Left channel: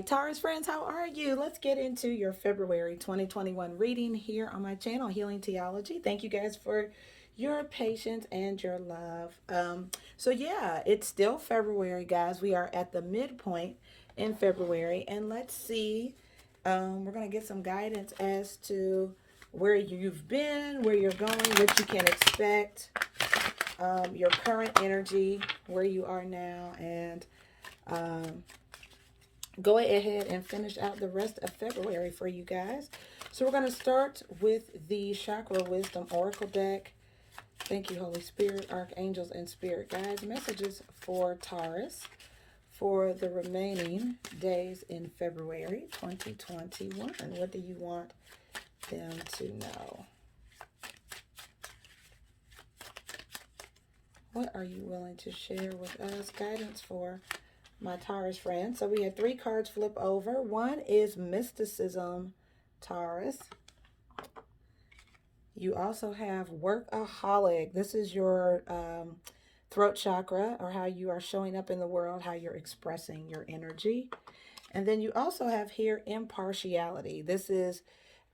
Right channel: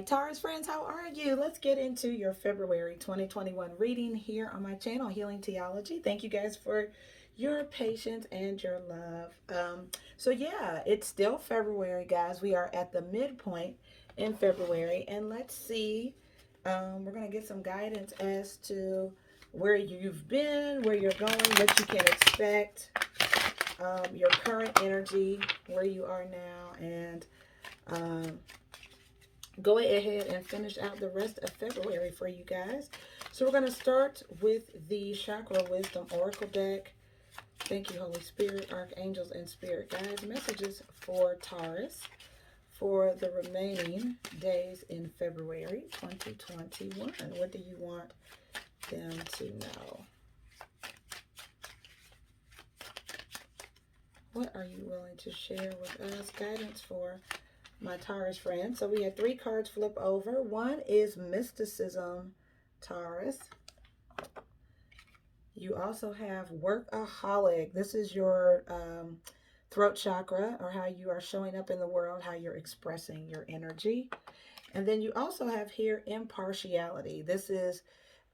right, Taurus friends, how are you? Let's get into your February 2021 reading here on my channel, Healing Theology. Thank you guys for your patience and your love. So yeah, it's still February, guys. We are at the midpoint in February, and let's see. We're gonna get some guidance as to where you've been, where you're going, what you can expect, your current energy, where you are now, and go ahead and finish out the rest of February for you guys. So we're going to start with the Chakra Wisdom Oracle deck. Thank you, Holy Spirit, Archangels, and Spirit Guides. Messages for Taurus for the remaining days in February 2021. What do you want them to know? What are you willing to share with us? Guidance for my Taurus friends. So we have 3 cards flip over. One is Mysticism, Taurus. You also have Workaholic. This is your throat chakra, or how you are showing up in the world, how you're expressing your energy. And then you also have here Impartiality. This is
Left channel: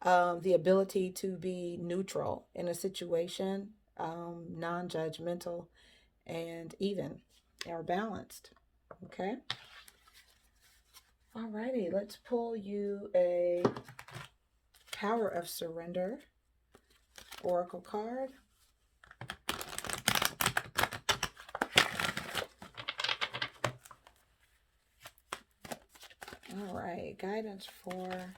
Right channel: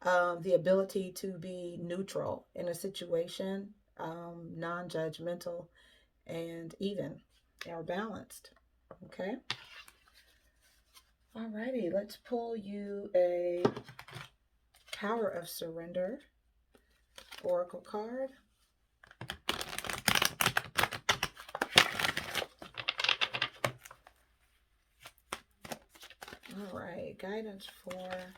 the ability to be neutral in a situation, non-judgmental, and even or balanced. Okay. Alrighty, let's pull you a Power of Surrender Oracle card. All right, guidance for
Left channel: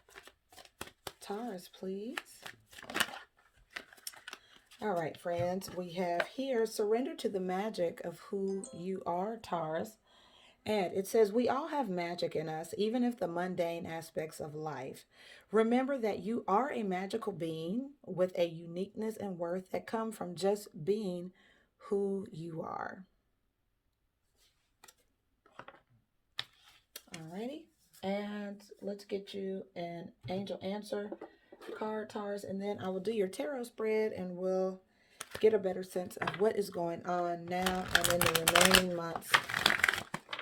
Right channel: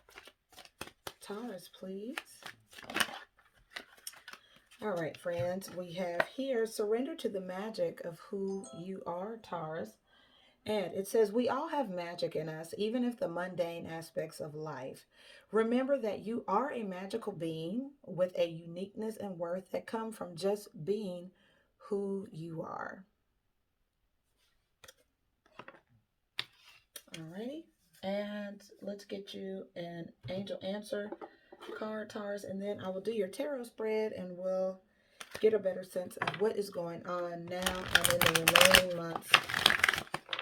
Taurus, please. All right, friends, we have here surrender to the magic of who you are, Taurus. And it says, we all have magic in us, even if the mundane aspects of life. Remember that you are a magical being with a uniqueness and worth that come from just being who you are. Alrighty. And let's get you an angel answer card, Taurus, and then I will do your tarot spread and we'll get a better sense of what is going on now and in the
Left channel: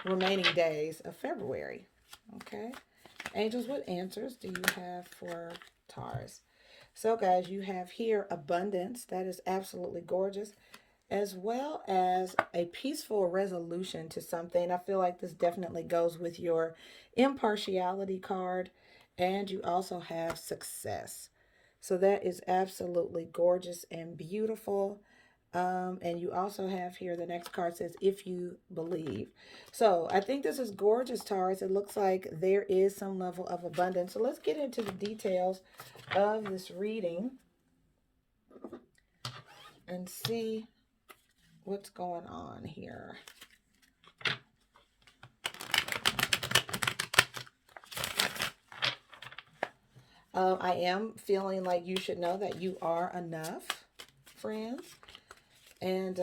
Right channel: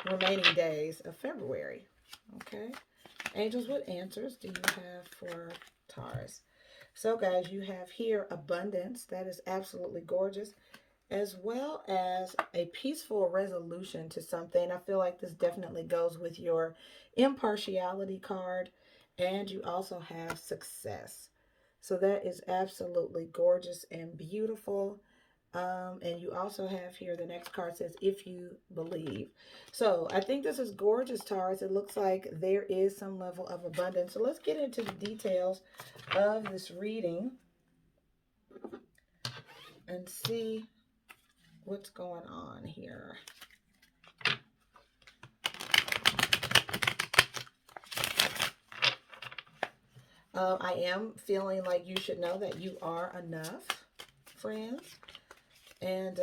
remaining days of February. Okay. Angels, what answers do you have for Taurus? So guys, you have here abundance. That is absolutely gorgeous, as well as a peaceful resolution to something. I feel like this definitely goes with your impartiality card, and you also have success. So that is absolutely gorgeous and beautiful. And you also have here, the next card says, if you believe. So I think this is gorgeous, Taurus. It looks like there is some level of abundance. So let's get into the details of this reading and see what's going on here. I am feeling like you should know that you are enough, friends. And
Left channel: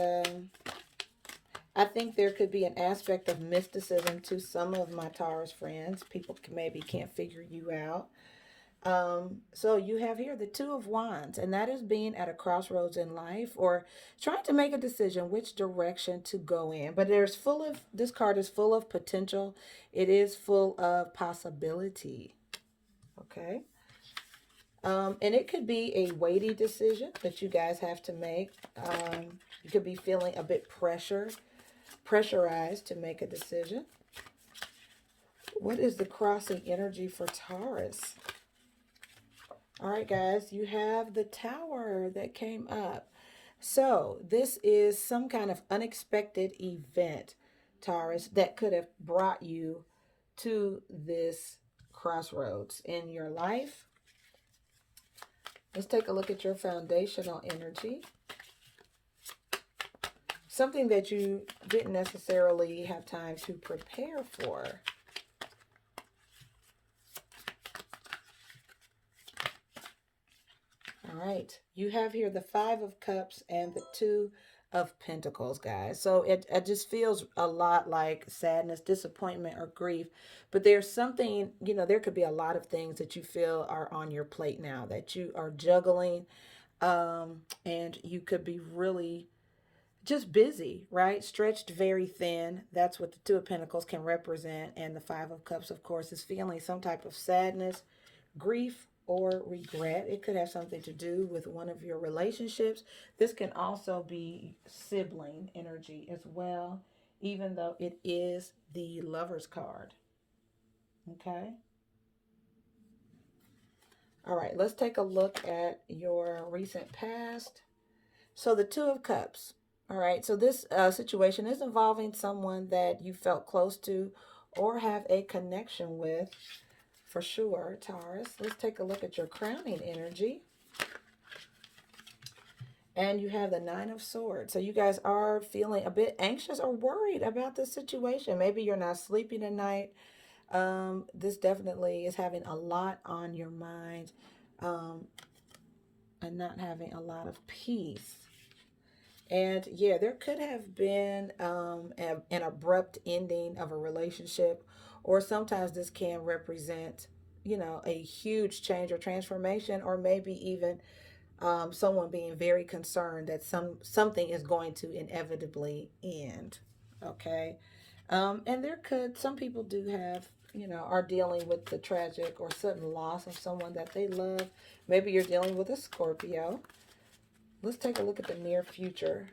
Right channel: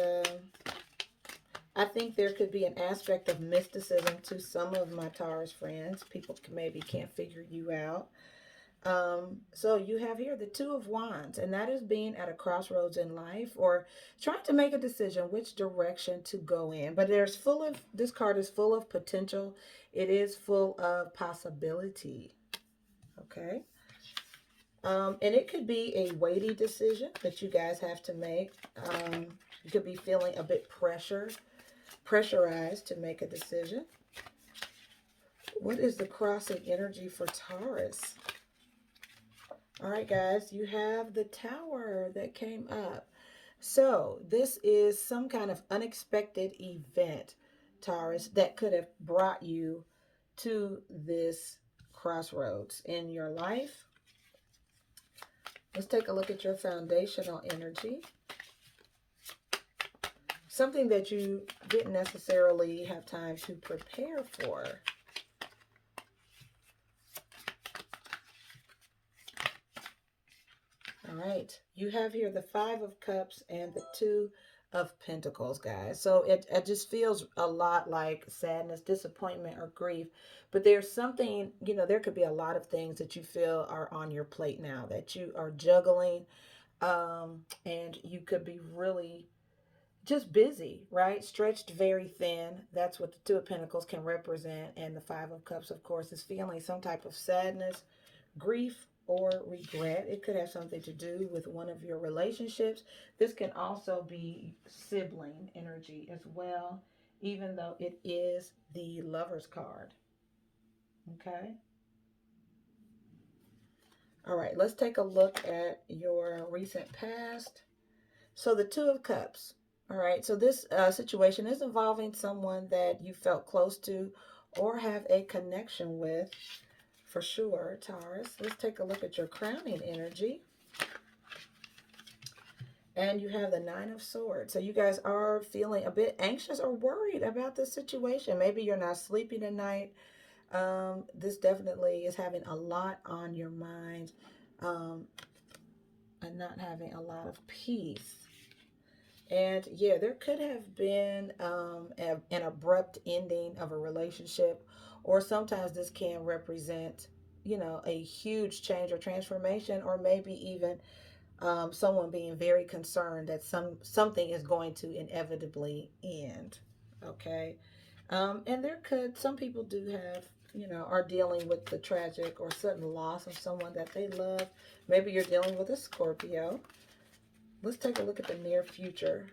I think there could be an aspect of mysticism to some of my Taurus friends. People maybe can't figure you out. So you have here the Two of Wands, and that is being at a crossroads in life or trying to make a decision which direction to go in. But this card is full of potential. It is full of possibility. Okay. And it could be a weighty decision that you guys have to make. You could be feeling a bit pressurized to make a decision. What is the crossing energy for Taurus? All right, guys, you have the Tower that came up. So this is some kind of unexpected event, Taurus, that could have brought you to this crossroads in your life. Let's take a look at your foundational energy. Something that you didn't necessarily have time to prepare for. All right. You have here the Five of Cups and the Two of Pentacles, guys. So it just feels a lot like sadness, disappointment, or grief. But there's something, there could be a lot of things that you feel are on your plate now that you are juggling. And you could be really just busy, right? Stretched very thin. That's what the Two of Pentacles can represent. And the Five of Cups, of course, is feeling some type of sadness, grief, or regret. It could have something to do with one of your relationships. This can also be sibling energy as well, even though it is the Lover's card. Okay. All right, let's take a look at your recent past. So the Two of Cups. All right, so this situation is involving someone that you felt close to or have a connection with, for sure, Taurus. Let's take a look at your crowning energy. And you have the Nine of Swords. So you guys are feeling a bit anxious or worried about this situation. Maybe you're not sleeping at night. This definitely is having a lot on your mind, and not having a lot of peace. And yeah, there could have been an abrupt ending of a relationship, or sometimes this can represent, you know, a huge change or transformation, or maybe even someone being very concerned that something is going to inevitably end. Okay. And some people do have, you know, are dealing with the tragic or sudden loss of someone that they love. Maybe you're dealing with a Scorpio. Let's take a look at the near future.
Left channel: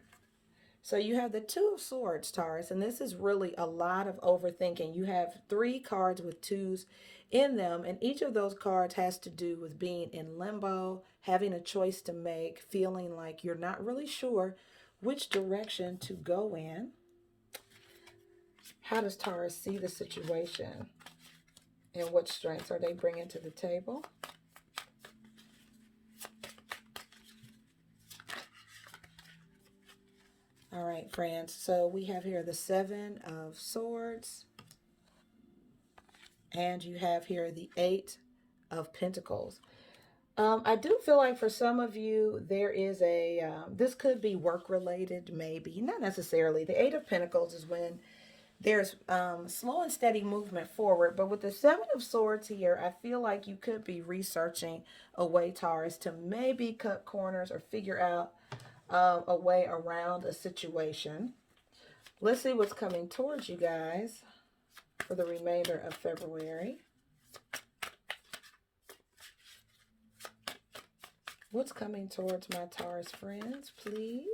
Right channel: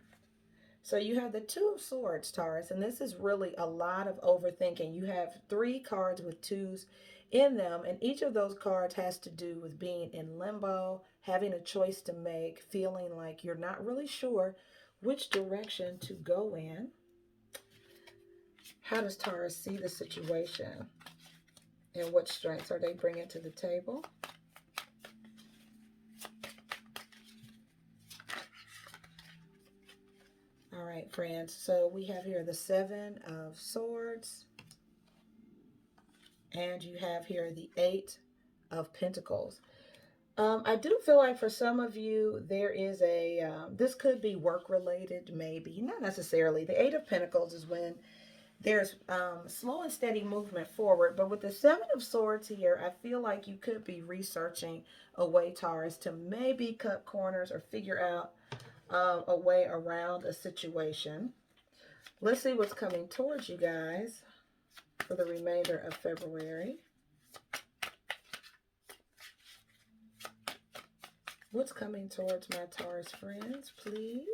So you have the Two of Swords, Taurus, and this is really a lot of overthinking. You have 3 cards with 2s in them, and each of those cards has to do with being in limbo, having a choice to make, feeling like you're not really sure which direction to go in. How does Taurus see the situation, and what strengths are they bringing to the table? All right, friends, so we have here the Seven of Swords, and you have here the Eight of Pentacles. I do feel like for some of you, there is this could be work related, maybe, not necessarily. The Eight of Pentacles is when there's slow and steady movement forward. But with the Seven of Swords here, I feel like you could be researching a way, Taurus, to maybe cut corners or figure out a way around a situation. Let's see what's coming towards you guys for the remainder of February. What's coming towards my Taurus friends, please?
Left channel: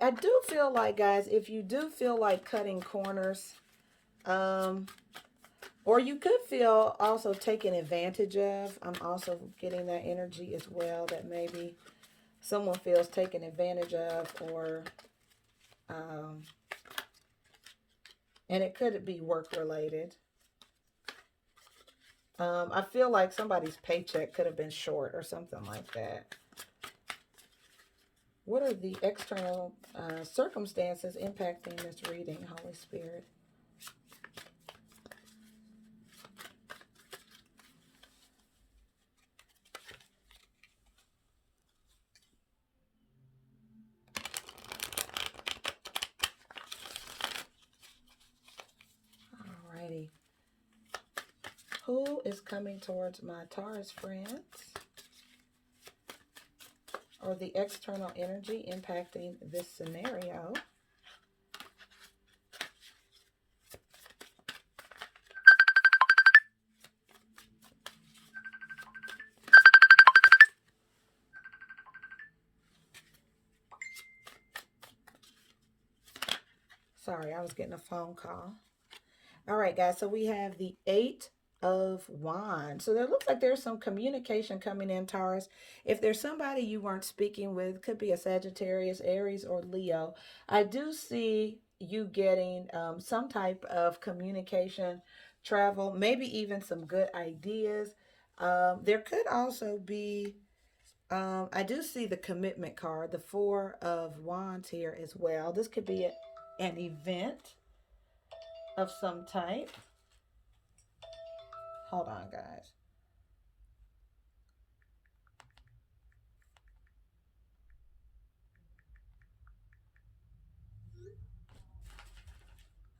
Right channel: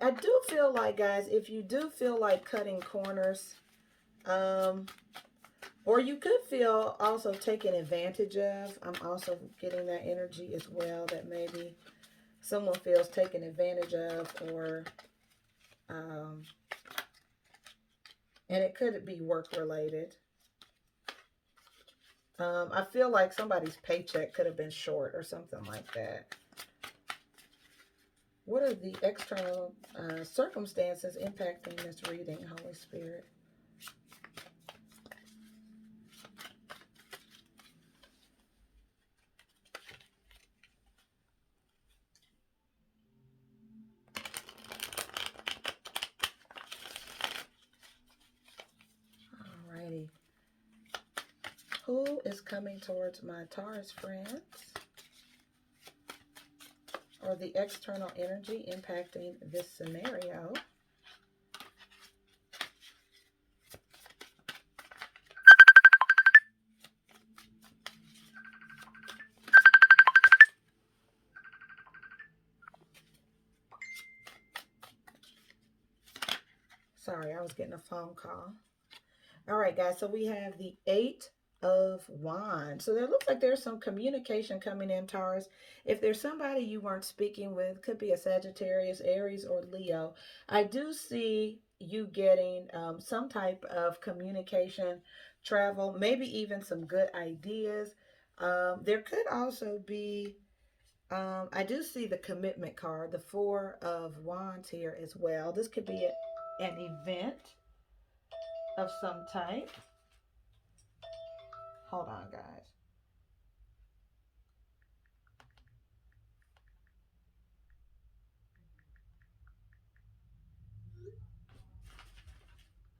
I do feel like, guys, if you do feel like cutting corners, or you could feel also taken advantage of. I'm also getting that energy as well, that maybe someone feels taken advantage of, or and it could be work related. I feel like somebody's paycheck could have been short or something like that. What are the external circumstances impacting this reading, Holy Spirit? Alrighty. Who is coming towards my Taurus friends? Or the external energy impacting this scenario? Sorry, I was getting a phone call. All right, guys, so we have the Eight of Wands. So there looks like there's some communication coming in, Taurus. If there's somebody you weren't speaking with, could be a Sagittarius, Aries, or Leo. I do see you getting some type of communication, travel, maybe even some good ideas. There could also be, I do see the commitment card, the Four of Wands here as well. This could be an event of some type. Hold on, guys.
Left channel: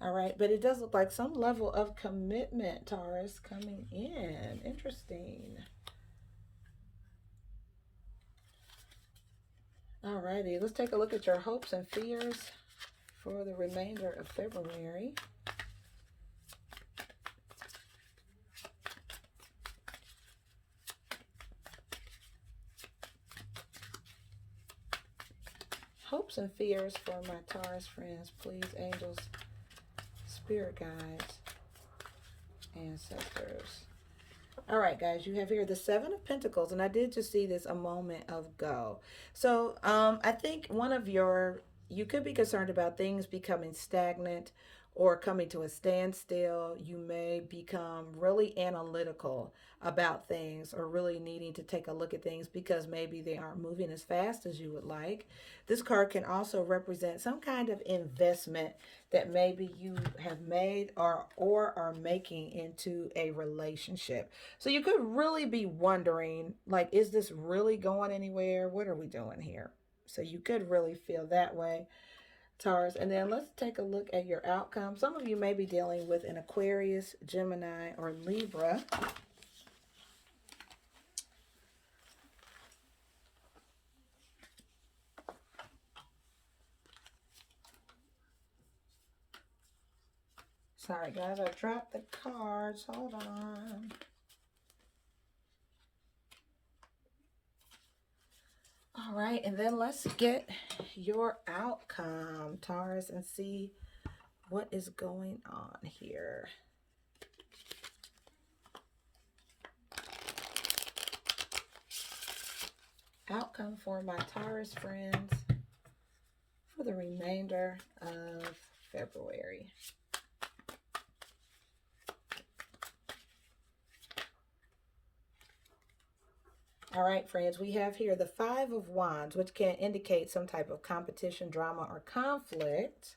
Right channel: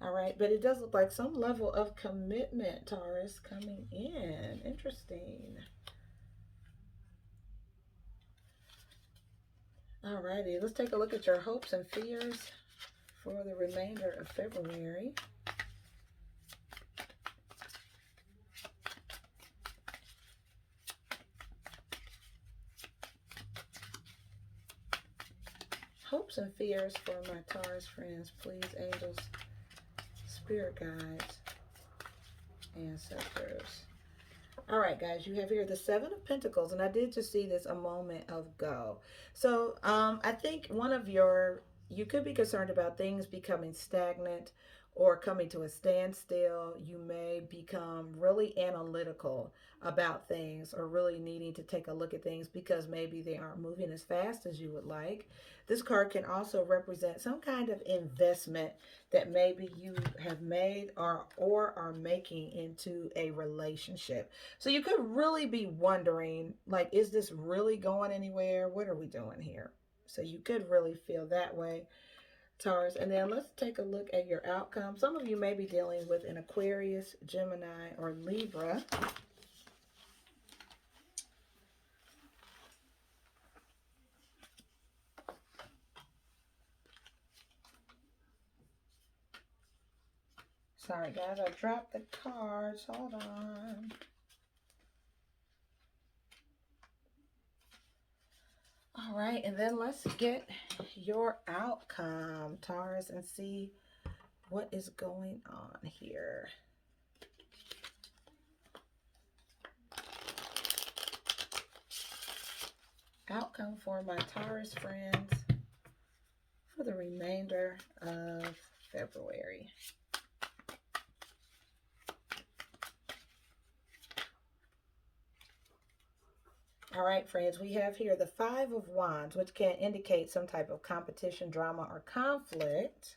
All right, but it does look like some level of commitment, Taurus, coming in. Interesting. All righty, let's take a look at your hopes and fears for the remainder of February. Hopes and fears for my Taurus friends, please, angels, spirit guides, ancestors. All right, guys, you have here the Seven of Pentacles, and I did just see this a moment ago. So I think you could be concerned about things becoming stagnant or coming to a standstill. You may become really analytical about things or really needing to take a look at things because maybe they aren't moving as fast as you would like. This card can also represent some kind of investment that maybe you have made or are making into a relationship. So you could really be wondering, like, is this really going anywhere? What are we doing here? So you could really feel that way, Taurus. And then let's take a look at your outcome. Some of you may be dealing with an Aquarius, Gemini, or Libra. Sorry, guys, I dropped the cards. Hold on. All right, and then let's get your outcome, Taurus, and see what is going on here. Outcome for my Taurus friends for the remainder of February. All right, friends, we have here the Five of Wands, which can indicate some type of competition, drama, or conflict.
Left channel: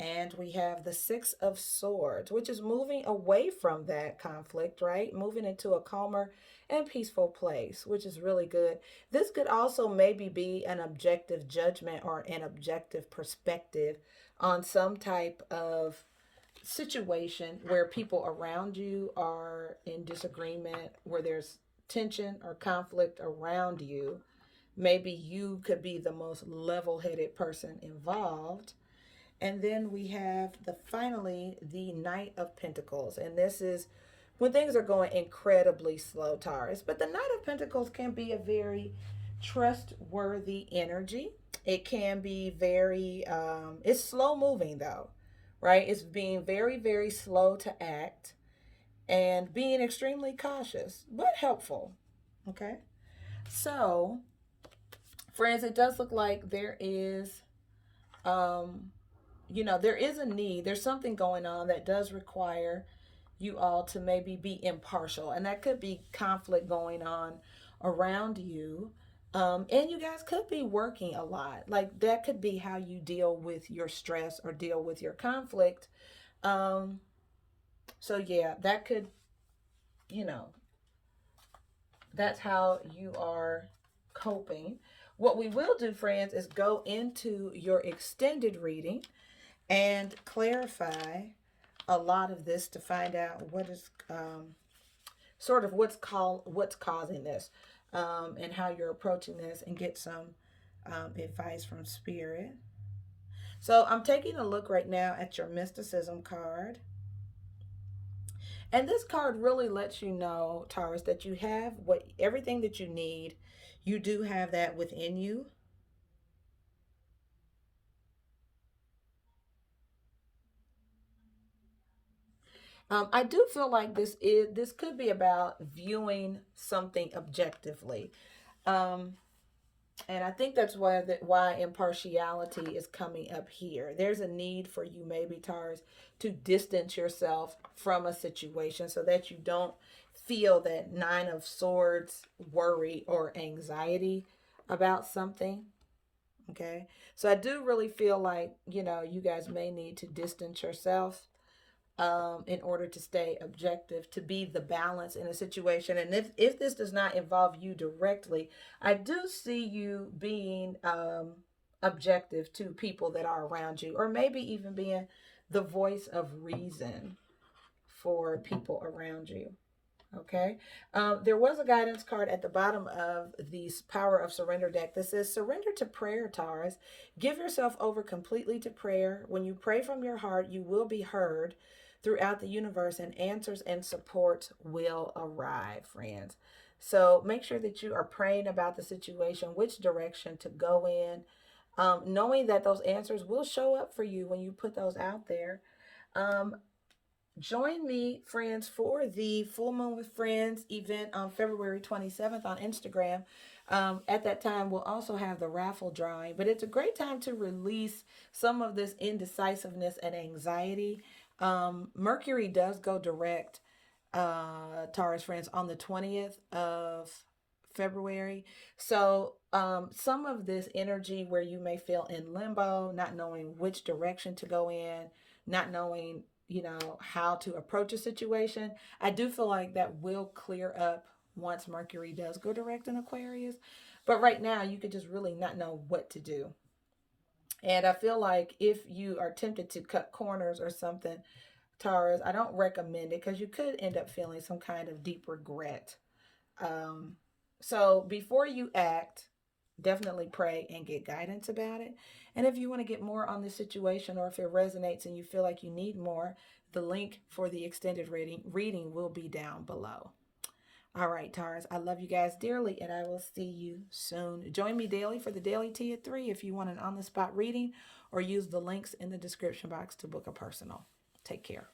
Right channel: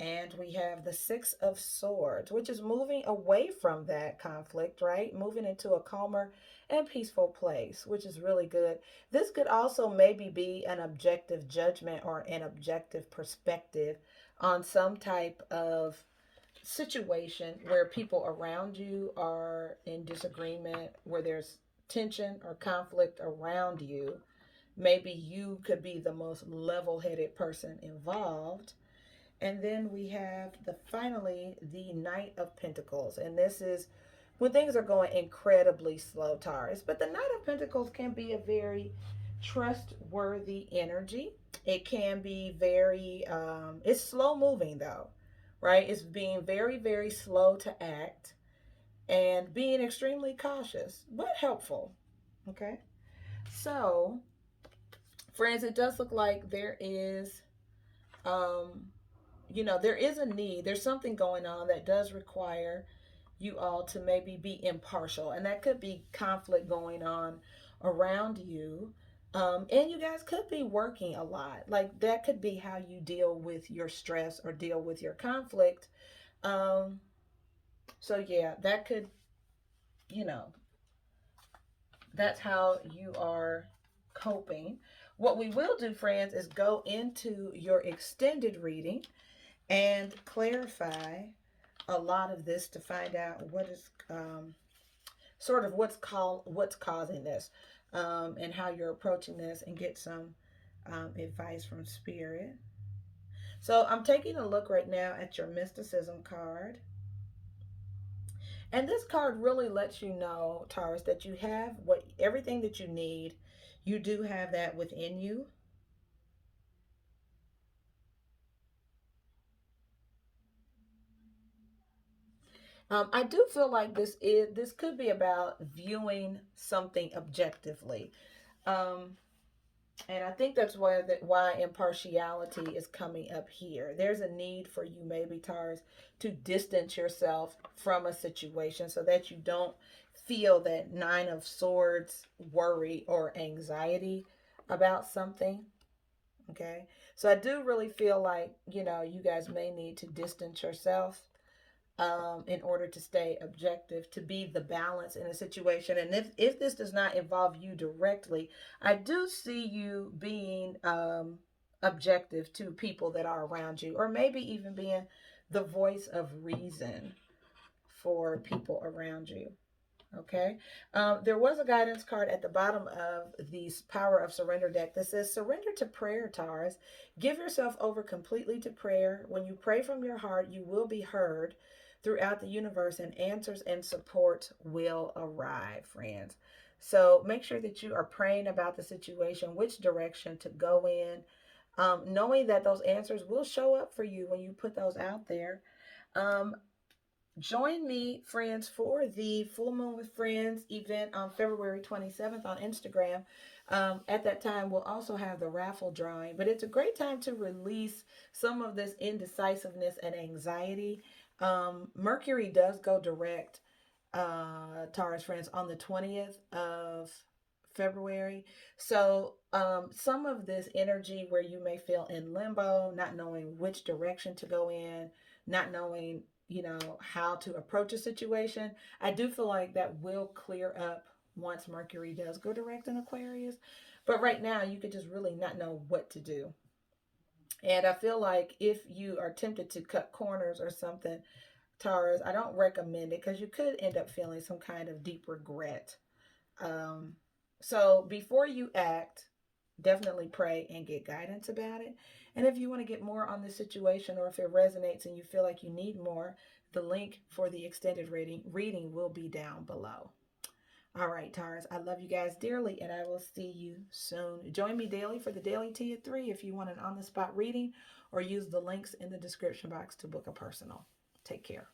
And we have the Six of Swords, which is moving away from that conflict, right? Moving into a calmer and peaceful place, which is really good. This could also maybe be an objective judgment or an objective perspective on some type of situation where people around you are in disagreement, where there's tension or conflict around you. Maybe you could be the most level-headed person involved. And then we have finally the Knight of Pentacles, and this is when things are going incredibly slow, Taurus. But the Knight of Pentacles can be a very trustworthy energy. It can be very it's slow moving though, right? It's being very, very slow to act and being extremely cautious, but helpful. Okay. So, friends, it does look like there is, there is a need. There's something going on that does require you all to maybe be impartial. And that could be conflict going on around you. And you guys could be working a lot. Like that could be how you deal with your stress or deal with your conflict. So yeah, that could, that's how you are coping. What we will do, friends, is go into your extended reading and clarify a lot of this to find out what is sort of what's causing this, and how you're approaching this, and get some advice from Spirit. So I'm taking a look right now at your mysticism card. And this card really lets you know, Taurus, that you have everything that you need. You do have that within you. I do feel like this could be about viewing something objectively. And I think that's why impartiality is coming up here. There's a need for you, maybe, Taurus, to distance yourself from a situation so that you don't feel that Nine of Swords worry or anxiety about something. Okay. So I do really feel like, you guys may need to distance yourself in order to stay objective, to be the balance in a situation. And if this does not involve you directly, I do see you being objective to people that are around you, or maybe even being the voice of reason for people around you. Okay. There was a guidance card at the bottom of the Power of Surrender deck that says, surrender to prayer, Taurus. Give yourself over completely to prayer. When you pray from your heart, you will be heard throughout the universe, and answers and support will arrive, friends. So make sure that you are praying about the situation, which direction to go in, knowing that those answers will show up for you when you put those out there. Join me, friends, for the Full Moon with Friends event on February 27th on Instagram. At that time, we'll also have the raffle drawing, but it's a great time to release some of this indecisiveness and anxiety. Mercury does go direct, Taurus friends, on the 20th of February. So some of this energy where you may feel in limbo, not knowing which direction to go in, not knowing, you know, how to approach a situation, I do feel like that will clear up once Mercury does go direct in Aquarius. But right now, you could just really not know what to do. And I feel like if you are tempted to cut corners or something, Taurus, I don't recommend it, because you could end up feeling some kind of deep regret. Um, so before you act, definitely pray and get guidance about it. And if you want to get more on this situation, or if it resonates and you feel like you need more, the link for the extended reading will be down below. All right, Taurus, I love you guys dearly, and I will see you soon. Join me daily for the daily tea at 3 if you want an on-the-spot reading, or use the links in the description box to book a personal. Take care.